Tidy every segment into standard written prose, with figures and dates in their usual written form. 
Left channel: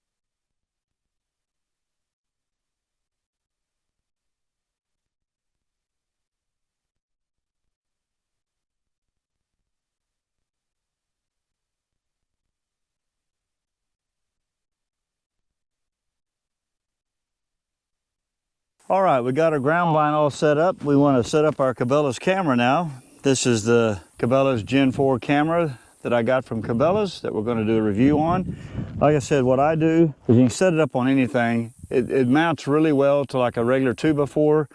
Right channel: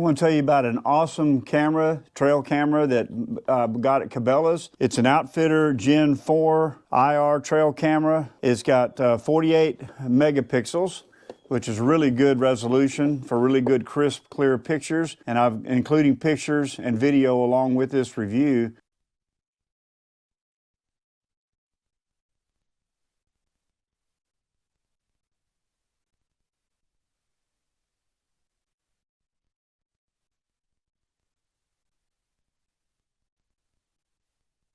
I want to tell you about an awesome camera, trail camera that I got at Cabela's. It's an Outfitter Gen 4 IR trail camera. It's got 48 megapixels, which is really good resolution for really good, crisp, clear pictures. And I'm including pictures and video along with this review. All right, we got our ground blind all set up. We want to set up our Cabela's camera now. This is the Cabela's Gen 4 camera that I got from Cabela's that we're going to do a review on. Like I said, what I do is you can set it up on anything. It mounts really well to like a regular 2x4.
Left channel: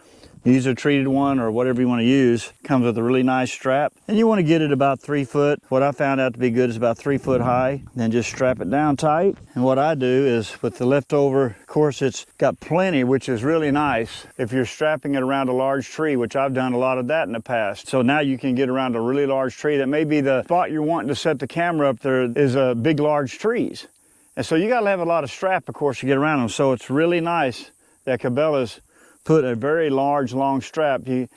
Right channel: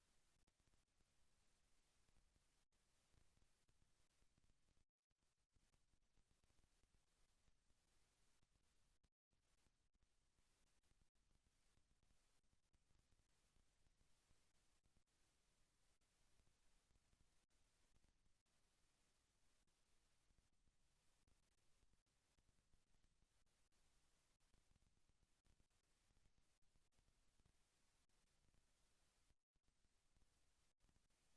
Use a treated one or whatever you want to use. Comes with a really nice strap. And you want to get it about 3 foot. What I found out to be good is about 3 foot high. Then just strap it down tight. And what I do is with the leftover, of course it's got plenty, which is really nice if you're strapping it around a large tree, which I've done a lot of that in the past. So now you can get around a really large tree. That may be the spot you're wanting to set the camera up there is big, large trees. And so you got to have a lot of strap, of course, to get around them. So it's really nice that Cabela's put a very large, long strap. It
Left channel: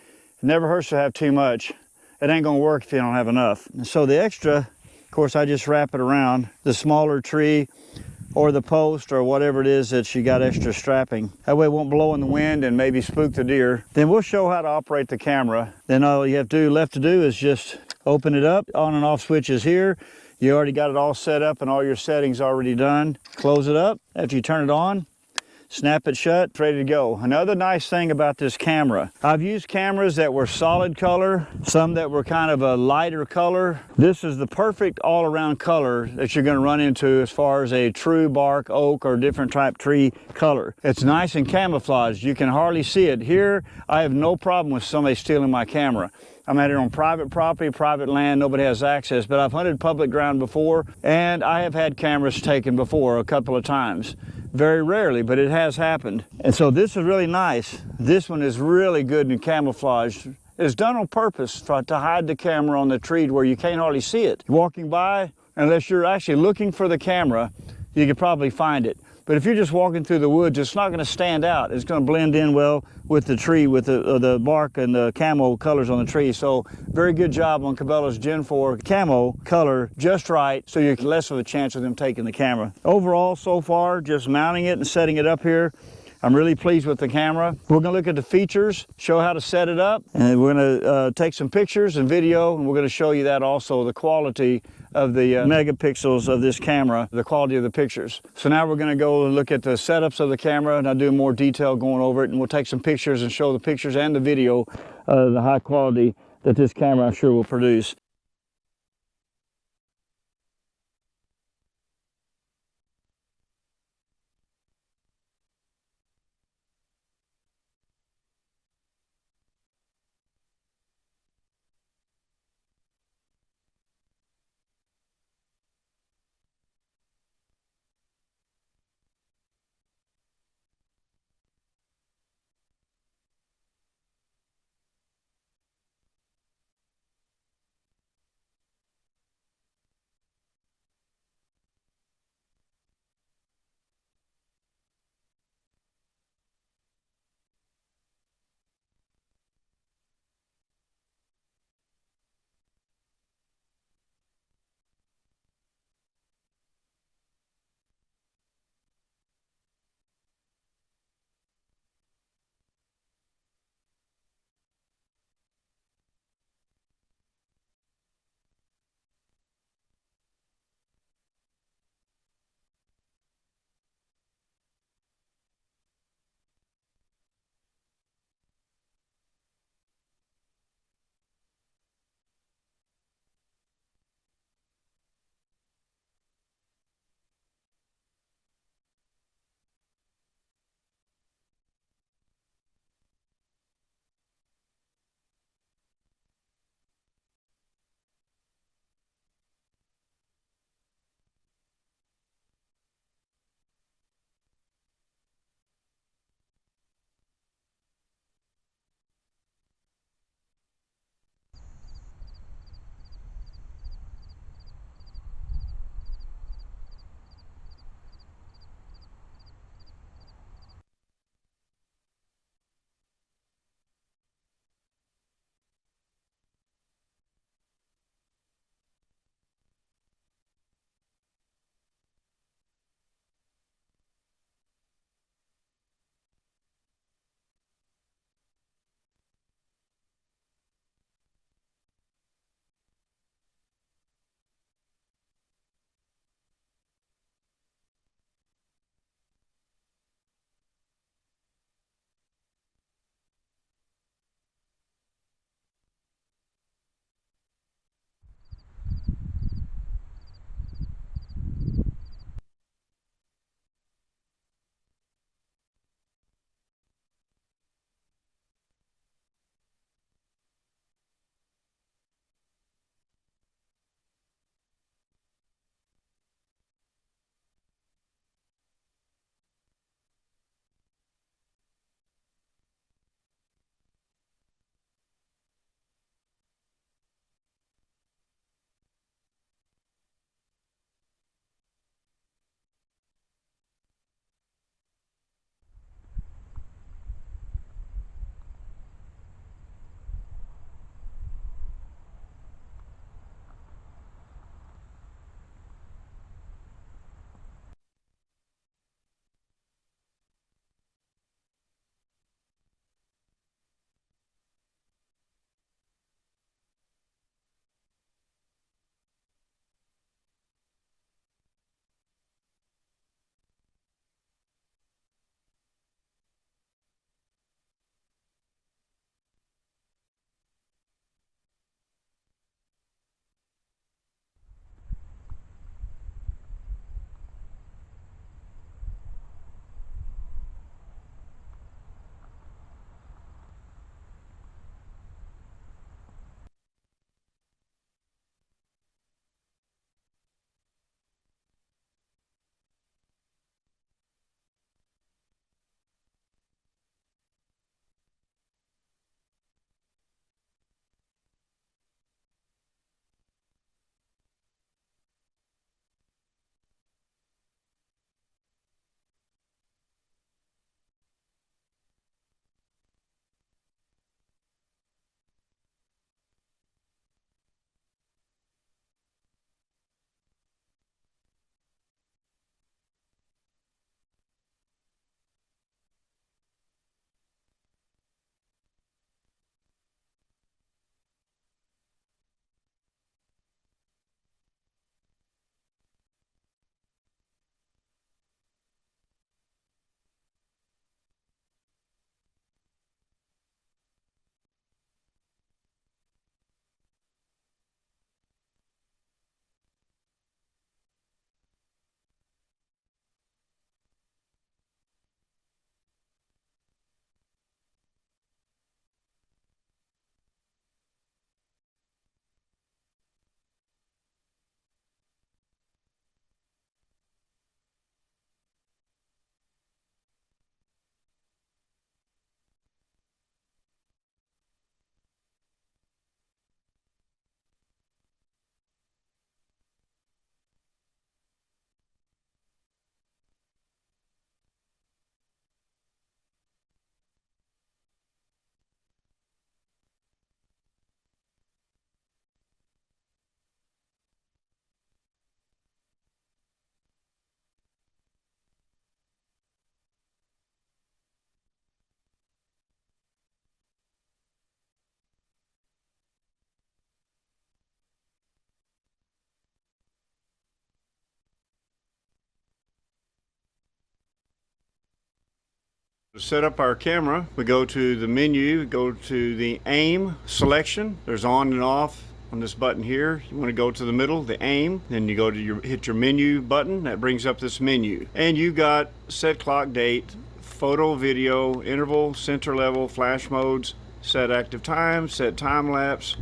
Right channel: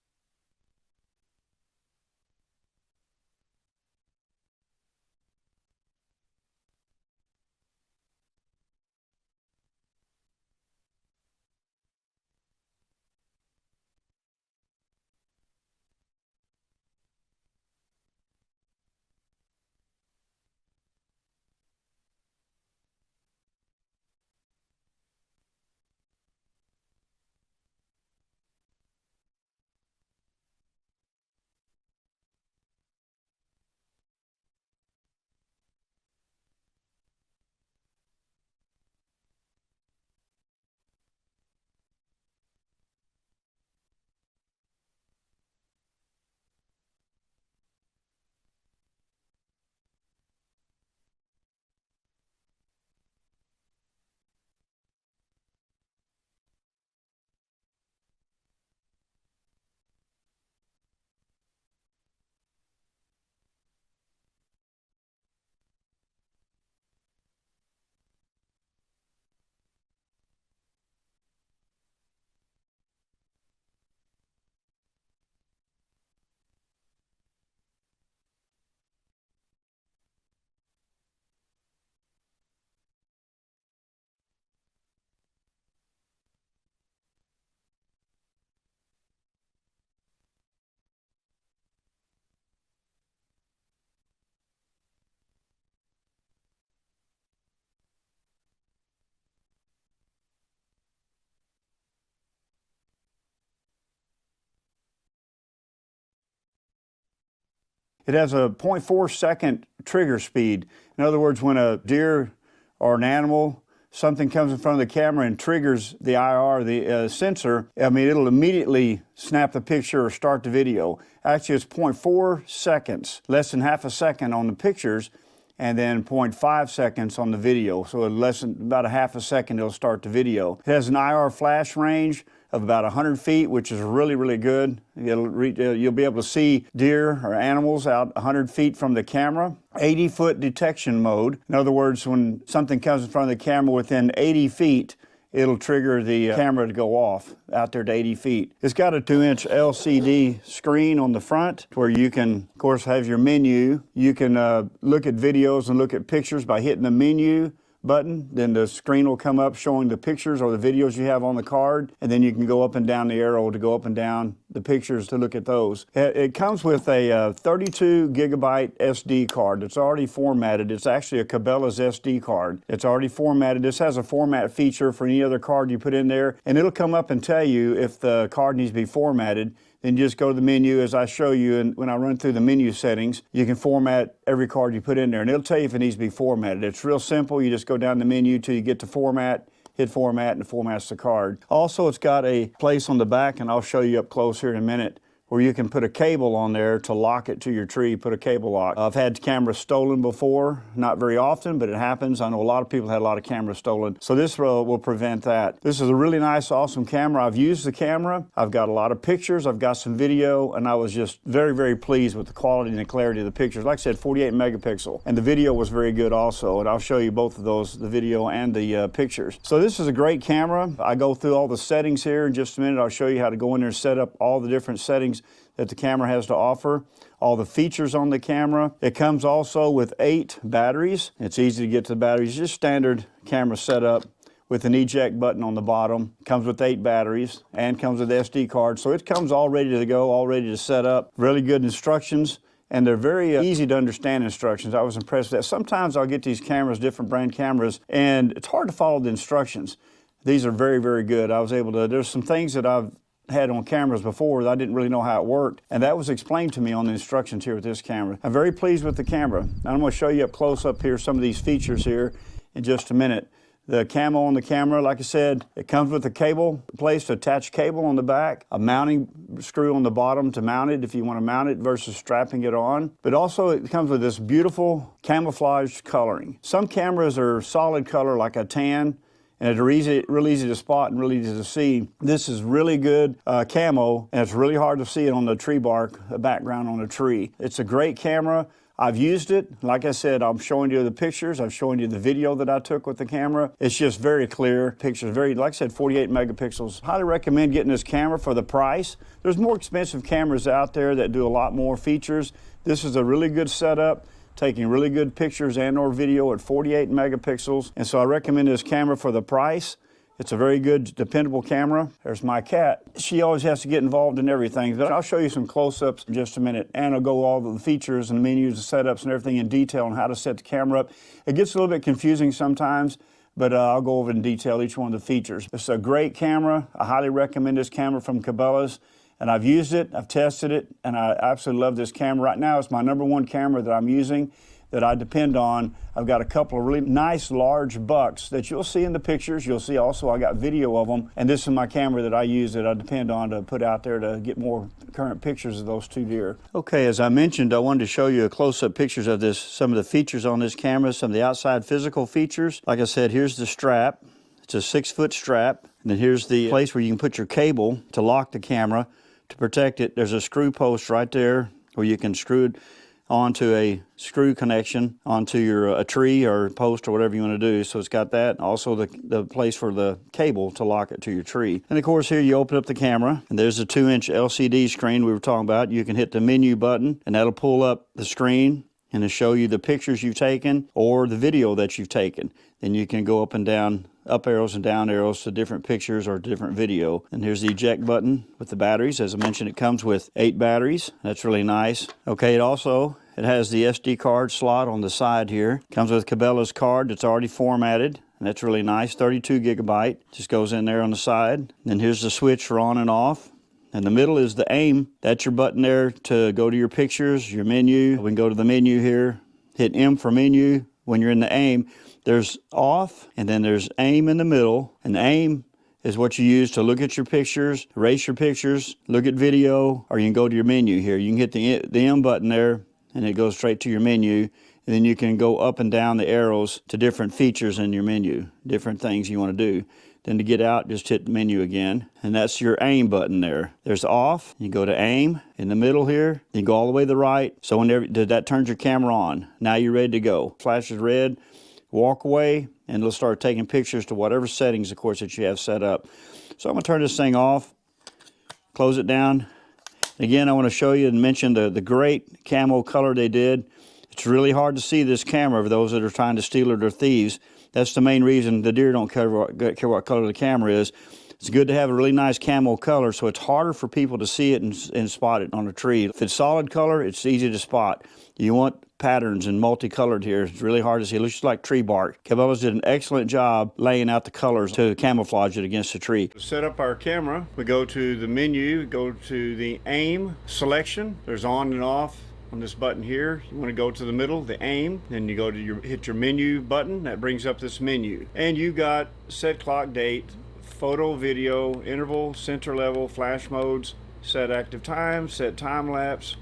never hurts to have too much. It ain't gonna work if you don't have enough. And so the extra, of course, I just wrap it around the smaller tree or the post or whatever it is that you got extra strapping. That way it won't blow in the wind and maybe spook the deer. Then we'll show how to operate the camera. Then all you have left to do is just open it up. On and off switches here. You already got it all set up and all your settings already done. Close it up. After you turn it on, snap it shut, it's ready to go. Another nice thing about this camera, I've used cameras that were solid color, some that were kind of a lighter color. This is the perfect all-around color that you're gonna run into as far as a true bark, oak, or different type tree color. It's nice and camouflaged. You can hardly see it. Here, I have no problem with somebody stealing my camera. I'm at it on private property, private land, nobody has access, but I've hunted public ground before, and I have had cameras taken before a couple of times. Very rarely, but it has happened. And so this is really nice. This one is really good and camouflaged. It's done on purpose to hide the camera on the tree where you can't hardly see it. Walking by, unless you're actually looking for the camera, you could probably find it. But if you're just walking through the woods, it's not going to stand out. It's going to blend in well with the tree, with the bark and the camo colors on the tree. So very good job on Cabela's Gen 4 camo color, just right, so you're less of a chance of them taking the camera. Overall, so far, just mounting it and setting it up here, I'm really pleased with the camera. We're gonna look at the features, show how to set it up, and we're gonna take some pictures and video, and we're gonna show you that also, the quality of the megapixels of this camera, the quality of the pictures. So now we're gonna go and look at the setups of the camera, and I'll do more detail going over it, and we'll take some pictures and show the pictures and the video, the high quality that this camera I'm sure will produce. It has a 0.4 second trigger speed. In other words, when a deer or an animal, something comes in front of the camera and triggers the IR, the sensor, I mean, it'll immediately snap the picture or start the video. Actually, it's 0.4 seconds, less than half a second on the pictures, and then 0.5 seconds on the video. So less than about a half a second, it'll start the video. It has an IR flash range of about 100 feet, which is really, really good. You'll be able to see deer or animals out 100 feet from the camera. 80-foot detection mode. In other words, when something comes in front of the camera within 80 feet, it'll trigger the camera to go off out there to 80 feet. It's got a 2-inch LCD screen on the front where you can, of course, have your menu. You can look at videos and look at pictures by hitting the menu button. Then the screen will come up showing the pictures or the videos you have on the card, and then you can go up and down the arrow to go up and down the pictures to look at those. It comes with a 32 gigabyte SD card that's already formatted. It's actually a Cabela's SD card. It's already formatted. This has a format feature for any other card you put in there, and it'll come up and tell you if the card needs to be formatted. Then just go to the menu as I show you, and when I run through the menu settings, you can format every card you put in there, and it'll tell you if it needs to be formatted. It's real simple. You just go down the menu till you get to format, hit format, and it formats the card. Also, it's got a place on the back, and I'll show you up close here in a minute, where you can put a cable on there to lock it to your tree, put a cable lock. I've had cameras stolen before, not very often, but it happens. I know a lot of people had a lot of cameras stolen, so this will prevent that. This is a really nice, awesome camera. I've used the camera. I've got a lot of pictures. I've got some video, and I was just very, very pleased with the quality and the clarity of the pictures. Like I said, 48 megapixel, and the video was very good also, and I'll show you both of those, the video and the pictures. So this is a great camera. I go through all the settings here in just a minute. I'll show you how to go in there and set up all the different settings that the camera has to offer, all the features on the camera. It comes also with 8 batteries. It's easy to get to the batteries, just standard camera setup with an eject button on the bottom. Comes with 8 batteries and comes with SD card. So it comes all ready to go, all ready to set up. Really good instructions. And they're very easy to understand instructions. I was impressed with that. Sometimes I'll get these cameras, different brand cameras, and it's hard to follow the instructions. These are very, very good. I was able to, there's some things that I've had on cameras before that I didn't really know how it worked, and that was explained to me on the instructions here with this camera. I'm very pleased with the camera. Now I'm going to show you up close up here some of these features here in just a minute. The camo on the camera, like I said, it comes with a cable, place to attach cable on the back, a mounting screw on the bottom to mount it if you want to mount it versus strapping it on. But also it comes with this beautiful camouflage coloring. Some cameras are solid color like a tan, and it's real easy to spot and really easy to see. This is really good camo, and it's really hard to see it on the tree bark, a background on a tree. It's a great camera. I've used it. Like I said, I'm showing you the pictures. I'm showing you the video that I took with the camera. It's just very clear. Pictures very, like I said, 48 megapixels. Highly recommend getting this camera for the price. There's more expensive cameras out there that do a lot more features. This is a really good setup, taking really good pictures and or video at 48 megapixels. And so I recommend this camera for the price. It's a very good, dependable camera. There's my cat. She always has to get involved in everything, but I'll show you some close-ups in just a minute, and I'll go all the features and menus and setups and everything in detail on how to set the camera up. It gets a little bit confusing sometimes, but I'll go over in detail each one of the features. It's a great camera. I highly recommend this camera from Cabela's, and I've used it, I've tested it, and I absolutely love this camera. Right now, it's my #1 camera that I'm using, that I depend on. I've got a couple of really nice large bucks that you'll see in the pictures. You'll see also I got video of them, and this is my camera that I use, that I depend on to put out there to get more current pictures of those 2 deer. Okay, as I mentioned, I wanted to show you a close-up pictures of this, some of the features on this camera, some of the outside physical features. Like I said, here's the strap. It's a 6-foot strap, and then here's the place where you can put your cable to lock the camera to protect it. There's a screw post right there where you can screw it onto a screw connection onto your a tree or post or whatever you want to do. So it's got that. Also the place for the cable to lock it to your tree. And of course here you open up the camera, and there's a 2-inch LCD screen we were talking about. You can hit the menu button, and that'll pull up the screen and it'll show you the pictures you've taken or the video that you've taken. Then you can go up and down, up arrows and down arrows to different pictures or different video. And here's the eject button with the batteries. As I mentioned, it comes with 8 batteries. That's really nice. Okay, it has the SD card slot on the side here. Comes with Cabela's card that's already formatted. And that's really nice, 32 gigabyte. Just goes in there on the side. And then here's the switch for on and off. In the middle is the aim. That's your button there to go to your pictures, your menu. We can go to the menu here. Hit M for menu. When you're in the aim, there's off, and then there's aim in the middle. And the aim is what you use to look at your pictures, erase your pictures, look at video, or you can go to your menu here. You can hit the M button there, and it goes straight to your menu. And then you can go up and down the arrows to different features in your menu, different things you want to do. Then to get out, just hit menu again. And that's your aim button there. There's off. You go to aim in the middle here. You go all the way to the right. So whenever that turns your camera on. Now you're ready to go. Flashes red. Walk away, and it'll start taking pictures to whatever settings, of course, that you have set up. So I'm going to turn this thing off, close it down. Again, I want to show you and mention the great camo color they did. It's really hard to see this camera for those that are trying to steal it or thieves. That's the main reason the deer don't care what color the camera is. It's good to have a really nice camo color, so it's harder for people to see it and spot it on a tree. If it's solid color, it's easy to spot. You want patterns and multicolored here. It's really hard to see. It looks like tree bark. Cabela's did an excellent job laying out the colors to camouflage it against the tree. To set up our camera, we go to the menu, go to the aim selection. There's on and off on this button here. You want to go to the middle, the aim, then you go to hit your menu button. That brings up this menu. And you got set clock date, photo, video, interval, center level, flash modes, set active time, set time lapse,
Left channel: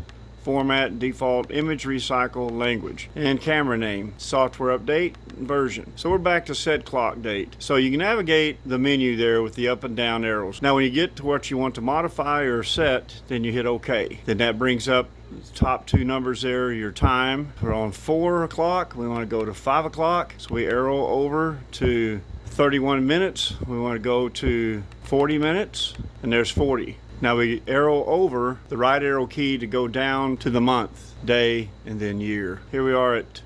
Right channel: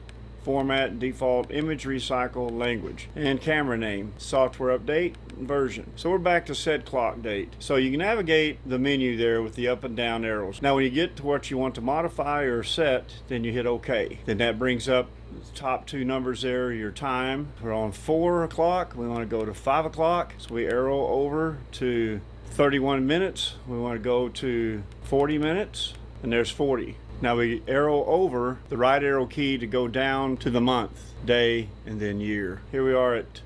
format, default, image recycle, language, and camera name, software update, version. So we're back to set clock date. So you can navigate the menu there with the up and down arrows. Now when you get to what you want to modify or set, then you hit OK. Then that brings up the top 2 numbers there, your time. We're on 4 o'clock. We want to go to 5 o'clock. So we arrow over to 31 minutes. We want to go to 40 minutes, and there's 40. Now we arrow over the right arrow key to go down to the month, day, and then year. Here we are at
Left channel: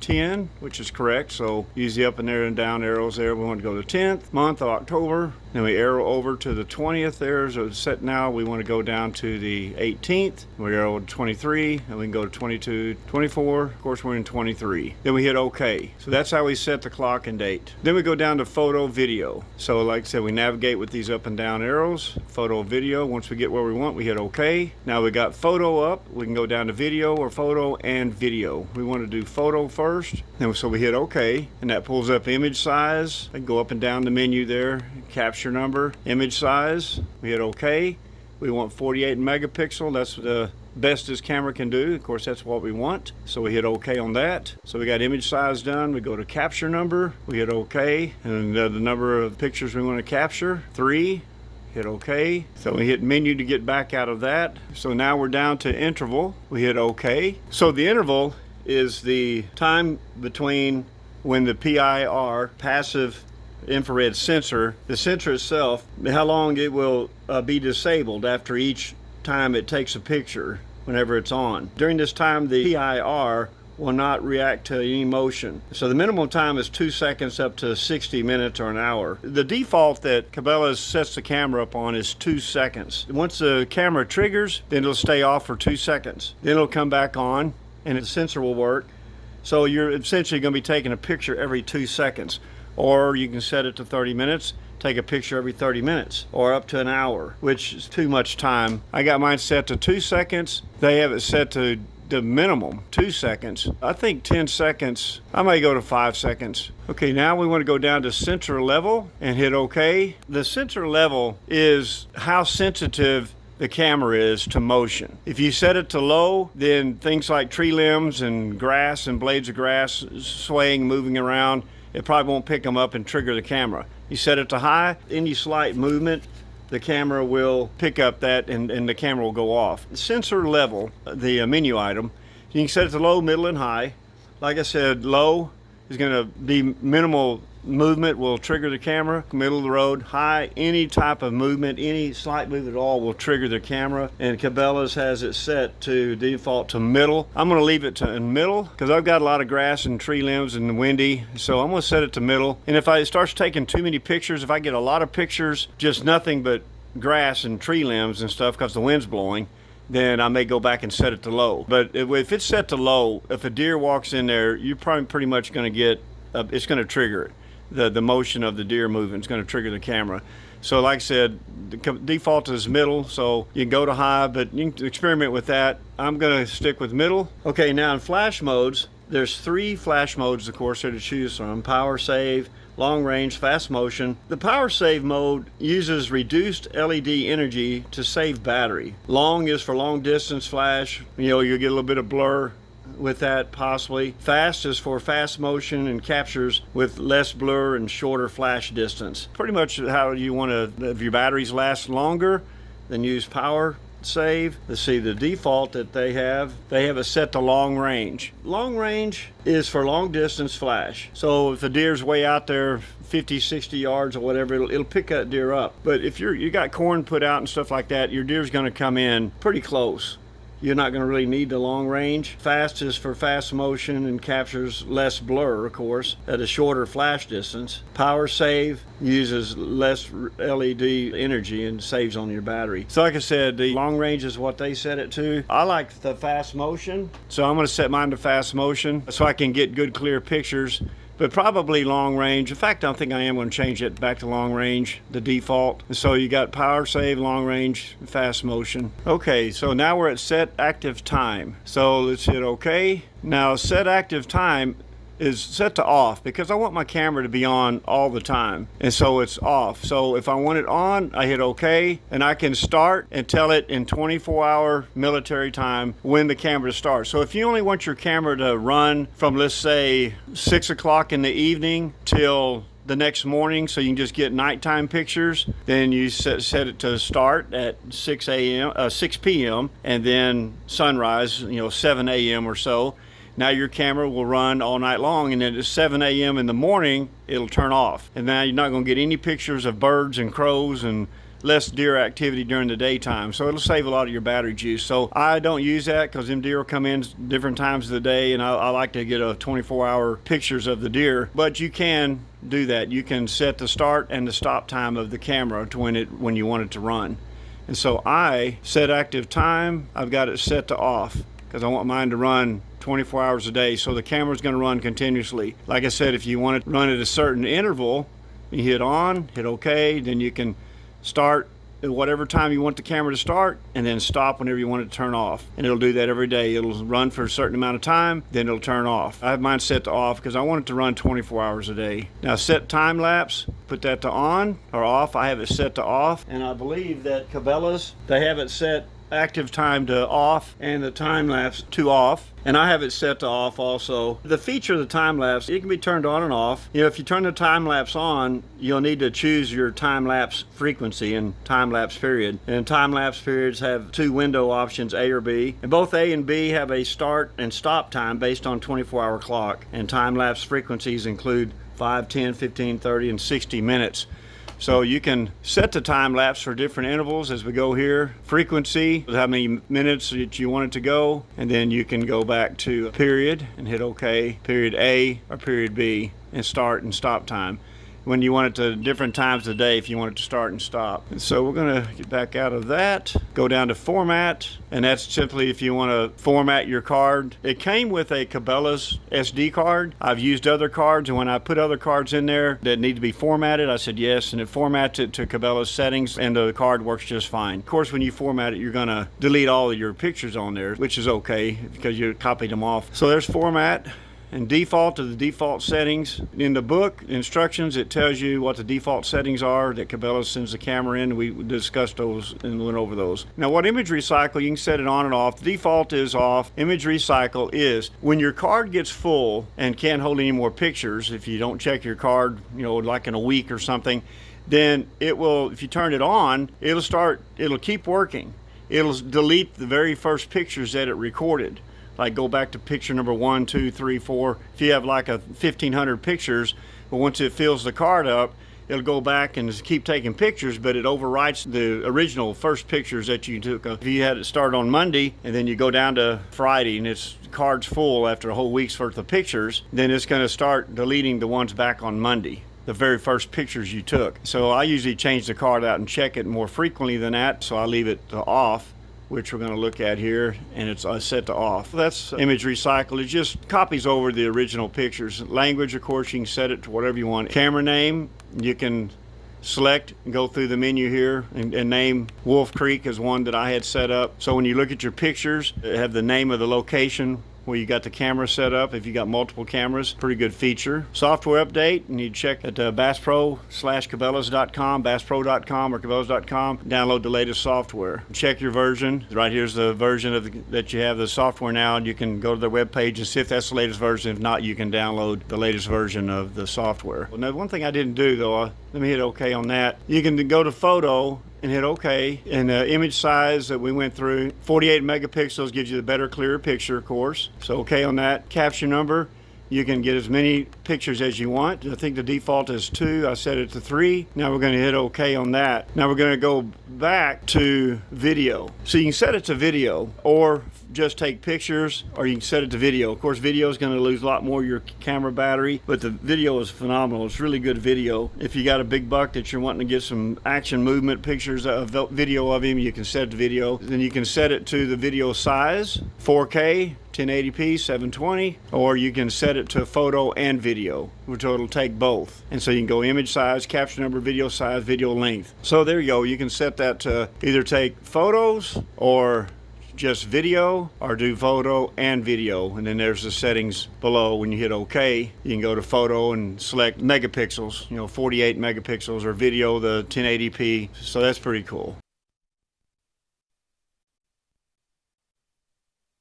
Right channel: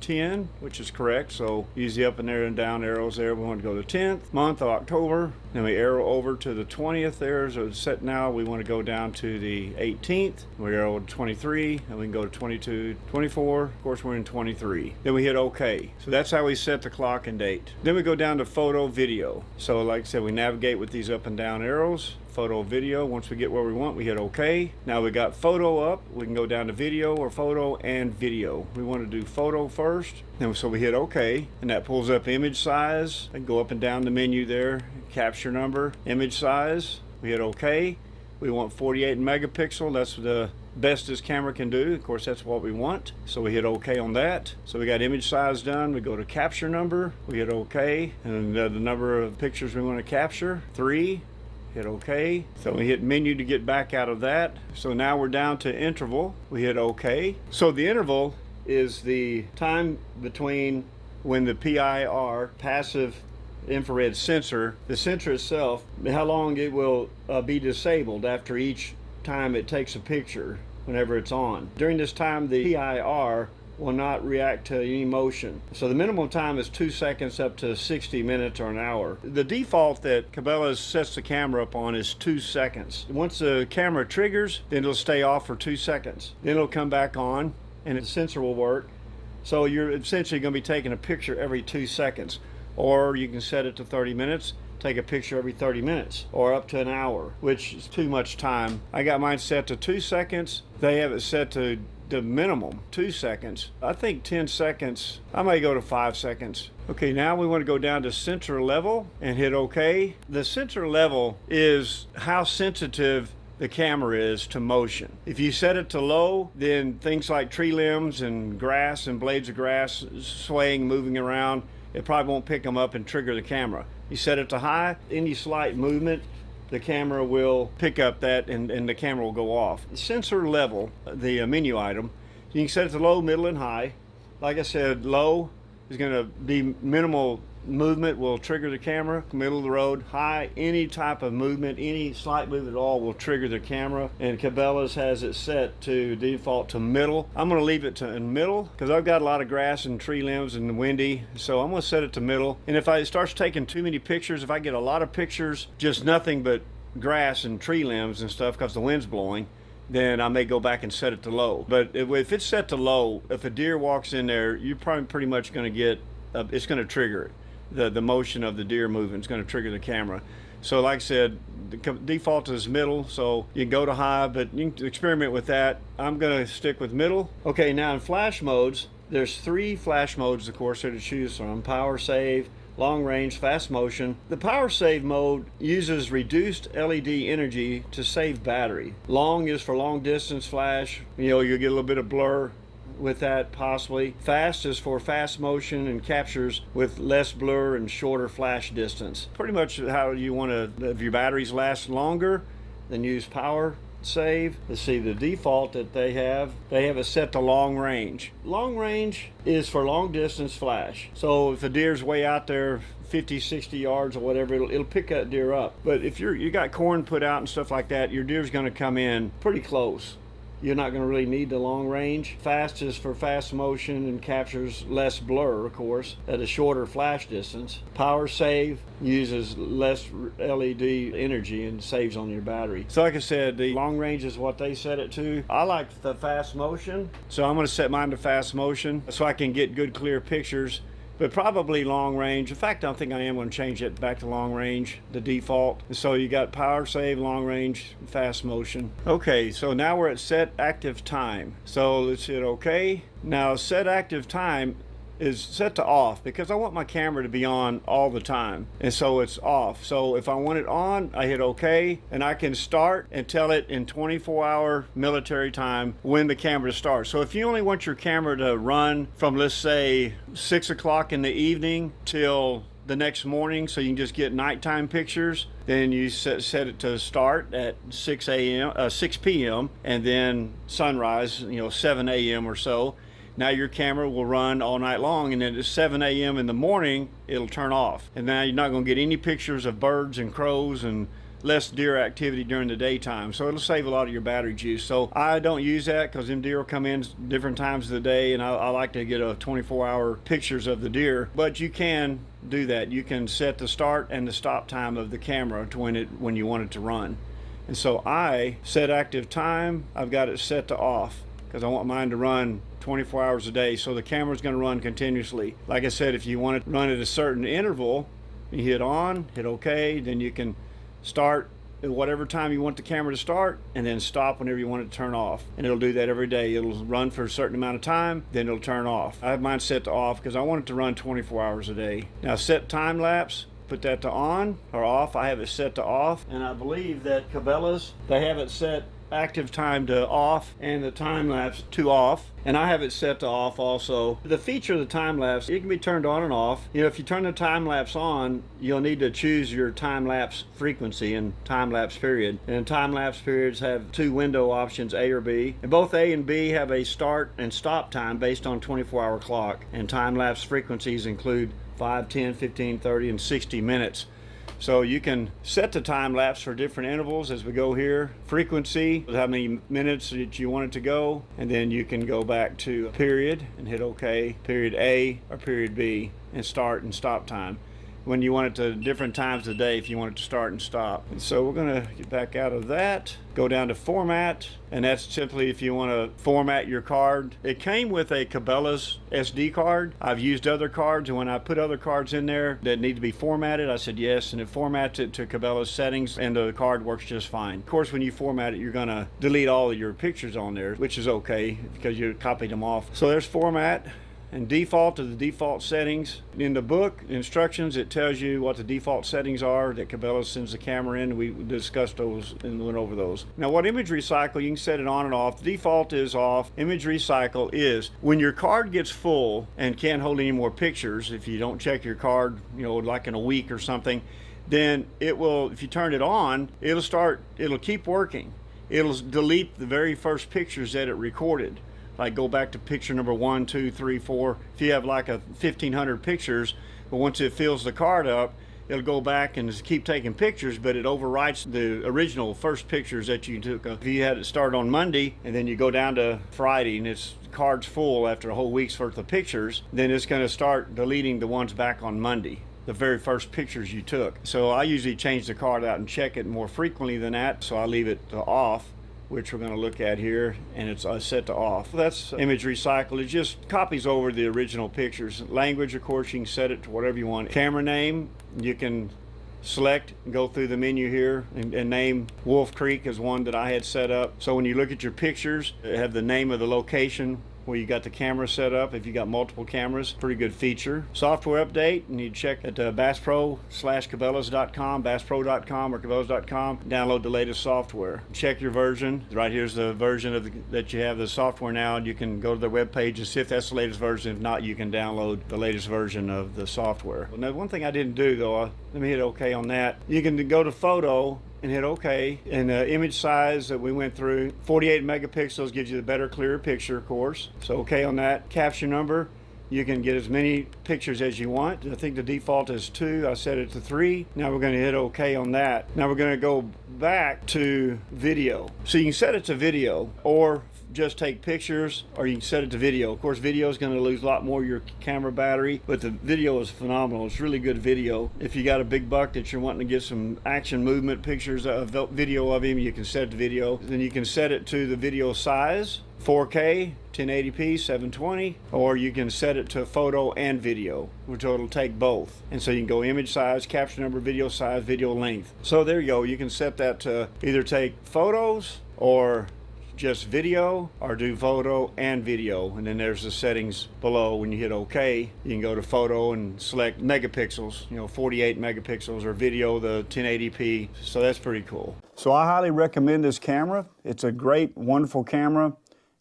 10, which is correct, so use the up and there and down arrows there. We want to go to 10th month of October. Then we arrow over to the 20th there, so it's set now. We want to go down to the 18th. We arrow to 23, and we can go to 22, 24. Of course, we're in 23. Then we hit OK. So that's how we set the clock and date. Then we go down to photo, video. So like I said, we navigate with these up and down arrows. Photo, video. Once we get where we want, we hit OK. Now we got photo up. We can go down to video or photo and video. We want to do photo first. And so we hit OK, and that pulls up image size. I can go up and down the menu there, capture number, image size. We hit OK. We want 48 megapixel. That's the best this camera can do. Of course, that's what we want. So we hit OK on that. So we got image size done. We go to capture number. We hit OK. And the number of pictures we want to capture, 3. Hit OK. So we hit menu to get back out of that. So now we're down to interval. We hit OK. So the interval is the time between when the PIR, passive infrared sensor, the sensor itself, how long it will be disabled after each time it takes a picture whenever it's on. During this time, the PIR will not react to any motion. So the minimum time is 2 seconds up to 60 minutes or an hour. The default that Cabela sets the camera up on is 2 seconds. Once the camera triggers, then it'll stay off for 2 seconds. Then it'll come back on and the sensor will work. So you're essentially going to be taking a picture every 2 seconds. Or you can set it to 30 minutes, take a picture every 30 minutes, or up to an hour, which is too much time. I got mine set to 2 seconds. They have it set to the minimum, 2 seconds. I think 10 seconds, I may go to 5 seconds. Okay, now we want to go down to sensor level and hit OK. The sensor level is how sensitive the camera is to motion. If you set it to low, then things like tree limbs and grass and blades of grass swaying, moving around, it probably won't pick them up and trigger the camera. You set it to high, any slight movement, the camera will pick up that and the camera will go off. The sensor level, the menu item, you can set it to low, middle, and high. Like I said, low is going to be minimal movement will trigger the camera. Middle of the road, high, any type of movement, any slight movement at all will trigger the camera. And Cabela's has it set to default to middle. I'm going to leave it to in middle because I've got a lot of grass and tree limbs and windy, so I'm going to set it to middle. And if it starts taking too many pictures, if I get a lot of pictures, just nothing but grass and tree limbs and stuff because the wind's blowing, then I may go back and set it to low. But if it's set to low, if a deer walks in there, you're probably pretty much going to get, it's going to trigger it. The motion of the deer movement is going to trigger the camera. So like I said, the default is middle, so you can go to high, but you can experiment with that. I'm going to stick with middle. Okay, now in flash modes, there's 3 flash modes, of course, to choose from. Power save, long range, fast motion. The power save mode uses reduced LED energy to save battery. Long is for long distance flash. You'll get a little bit of blur with that possibly. Fast is for fast motion and captures with less blur and shorter flash distance. Pretty much how you want to, if your batteries last longer, then use power save. Let's see the default that they have it set to long range. Long range is for long distance flash. So if the deer's way out there 50, 60 yards or whatever, it'll pick that deer up. But if you got corn put out and stuff like that, your deer's going to come in pretty close. You're not going to really need the long range. Fast is for fast motion and captures less blur, of course, at a shorter flash distance. Power save uses less LED energy and saves on your battery. So like I said, the long range is what they set it to. I like the fast motion, so I'm going to set mine to fast motion so I can get good clear pictures. But probably long range. In fact, I don't think I am going to change it back to long range, the default. So you got power save, long range, fast motion. Okay, so now we're at set active time. So let's hit OK. Now set active time is set to off because I want my camera to be on all the time, and so it's off. So if I want it on, I hit OK, and I can start and tell it in 24-hour military time when the camera starts. So if you only want your camera to run from, let's say, 6 o'clock in the evening till the next morning, so you can just get nighttime pictures, then you set it to start at 6 p.m. and then sunrise, 7 a.m. or so. Now your camera will run all night long, and then at 7 a.m. in the morning, it'll turn off. And now you're not going to get any pictures of birds and crows and less deer activity during the daytime. So it'll save a lot of your battery juice. So I don't use that because them deer will come in different times of the day, and I like to get a 24-hour pictures of the deer. But you can do that. You can set the start and the stop time of the camera to when you want it to run. And so I set active time. I've got it set to off because I want mine to run 24 hours a day. So the camera's going to run continuously. Like I said, if you want it to run at a certain interval, you hit on, hit OK, then you can start at whatever time you want the camera to start, and then stop whenever you want it to turn off. And it'll do that every day. It'll run for a certain amount of time, then it'll turn off. I have mine set to off because I want it to run 24 hours a day. Now set time lapse, put that to on or off. I have it set to off, and I believe that Cabela's, they have it set active time to off and the time lapse to off, and I have it set to off also. The feature of the time lapse, it can be turned on and off. You know, if you turn the time lapse on, you'll need to choose your time lapse frequency and time lapse period. And time lapse periods have two window options, A or B, and both A and B have a start and stop time based on 24-hour clock. And time lapse frequencies include 5, 10, 15, 30, and 60 minutes. So you can set the time lapse for different intervals as we go here. Frequency, how many minutes that you want it to go, and then you can go back to a period and hit OK, period A or period B, and start and stop time. When you want it to different times of the day if you want it to start and stop. And so we're going to get back out of that, go down to format, and that's simply if you want to format your card. It came with a Cabela's SD card. I've used other cards, and when I put other cards in there that need to be formatted, I said yes, and it formats it to Cabela's settings, and the card works just fine. Of course, when you format it, you're going to delete all of your pictures on there, which is okay because you copied them off. So there's format. And default to the default settings. In the book instructions, it tells you what the default settings are that Cabela sends the camera in. We discussed those and went over those. Now, what image recycle, you can set it on and off. The default is off. Image recycle is when your card gets full and can't hold any more pictures, if you don't check your card, you know, like in a week or something, then it will, if you turn it on, it'll keep working. It'll delete the very first pictures that it recorded. Like go back to picture number 1, 2, 3, 4. If you have like 1,500 pictures, but once it fills the card up, it'll go back and keep taking pictures, but it overwrites the original first pictures that you took. If you had it start on Monday and then you go down to Friday and its card's full after a whole week's worth of pictures, then it's going to start deleting the ones back on Monday, the very first pictures you took. So I usually change the card out and check it more frequently than that, so I leave it off, which we're going to look at here, and it's set to off. That's image recycle. It just copies over the original pictures. Language, of course, you can set it to whatever you want. Camera name, you can select and go through the menu here and name Wolf Creek as one that I had set up. So when you look at your pictures, it have the name of the location where you got the camera set up. If you got multiple cameras, pretty good feature. Software update, and you check at BassPro/Cabelas.com, BassPro.com or Cabelas.com. Download the latest software. Check your version. Right here's the version that you have the software now, and you can go to the web page and see if that's the latest version. If not, you can download the latest version of the software. Now, one thing I didn't do though, let me hit OK on that. You can go to photo and hit OK. And the image size that we went through, 48 megapixels gives you the better, clearer picture, of course. So OK on that. Capture number, you can get as many pictures as you want. I think the default is 2. I set it to 3. Now we're going to hit OK on that. Now we're going to go back to video. So you can set it to video or just take pictures, or you can set it to video. Of course, video is going to lose a lot more of your camera battery, but the video is phenomenal. It's really good video. If you got a big buck that you're wanting to get some action movement pictures of video of him, you can set it to video. Then you can set it to the video size, 4K, 1080p, 720, or you can set it to photo and video, which it'll take both. And so you can go image size, capture number, video size, video length. So there you go. You can set that to either take photos or just video, or do photo and video. And then there's the settings below. When you hit OK, you can go to photo and select megapixels, 48 megapixels, or video, the 1080p. So that's pretty cool. So I highly recommend this camera. It's a great, wonderful camera.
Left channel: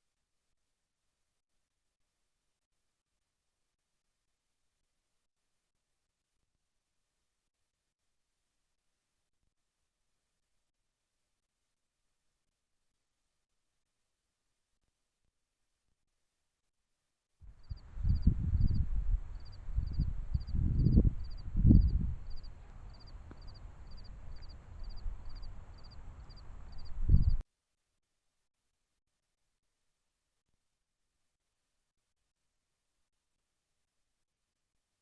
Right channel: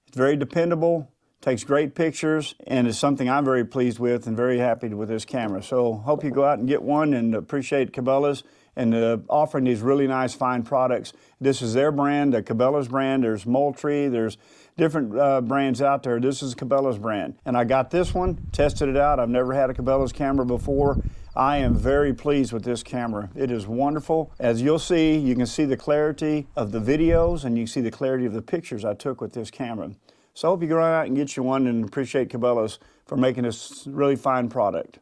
It's very dependable, takes great pictures, and is something I'm very pleased with and very happy with this camera. So hope you go out and get one, and appreciate Cabela's and offering these really nice, fine products. This is their brand, the Cabela's brand. There's Moultrie, there's different brands out there. This is Cabela's brand. And I got this one, tested it out. I've never had a Cabela's camera before. I am very pleased with this camera. It is wonderful. As you'll see, you can see the clarity of the videos and you can see the clarity of the pictures I took with this camera. So I hope you go out and get you one, and appreciate Cabela's for making this really fine product.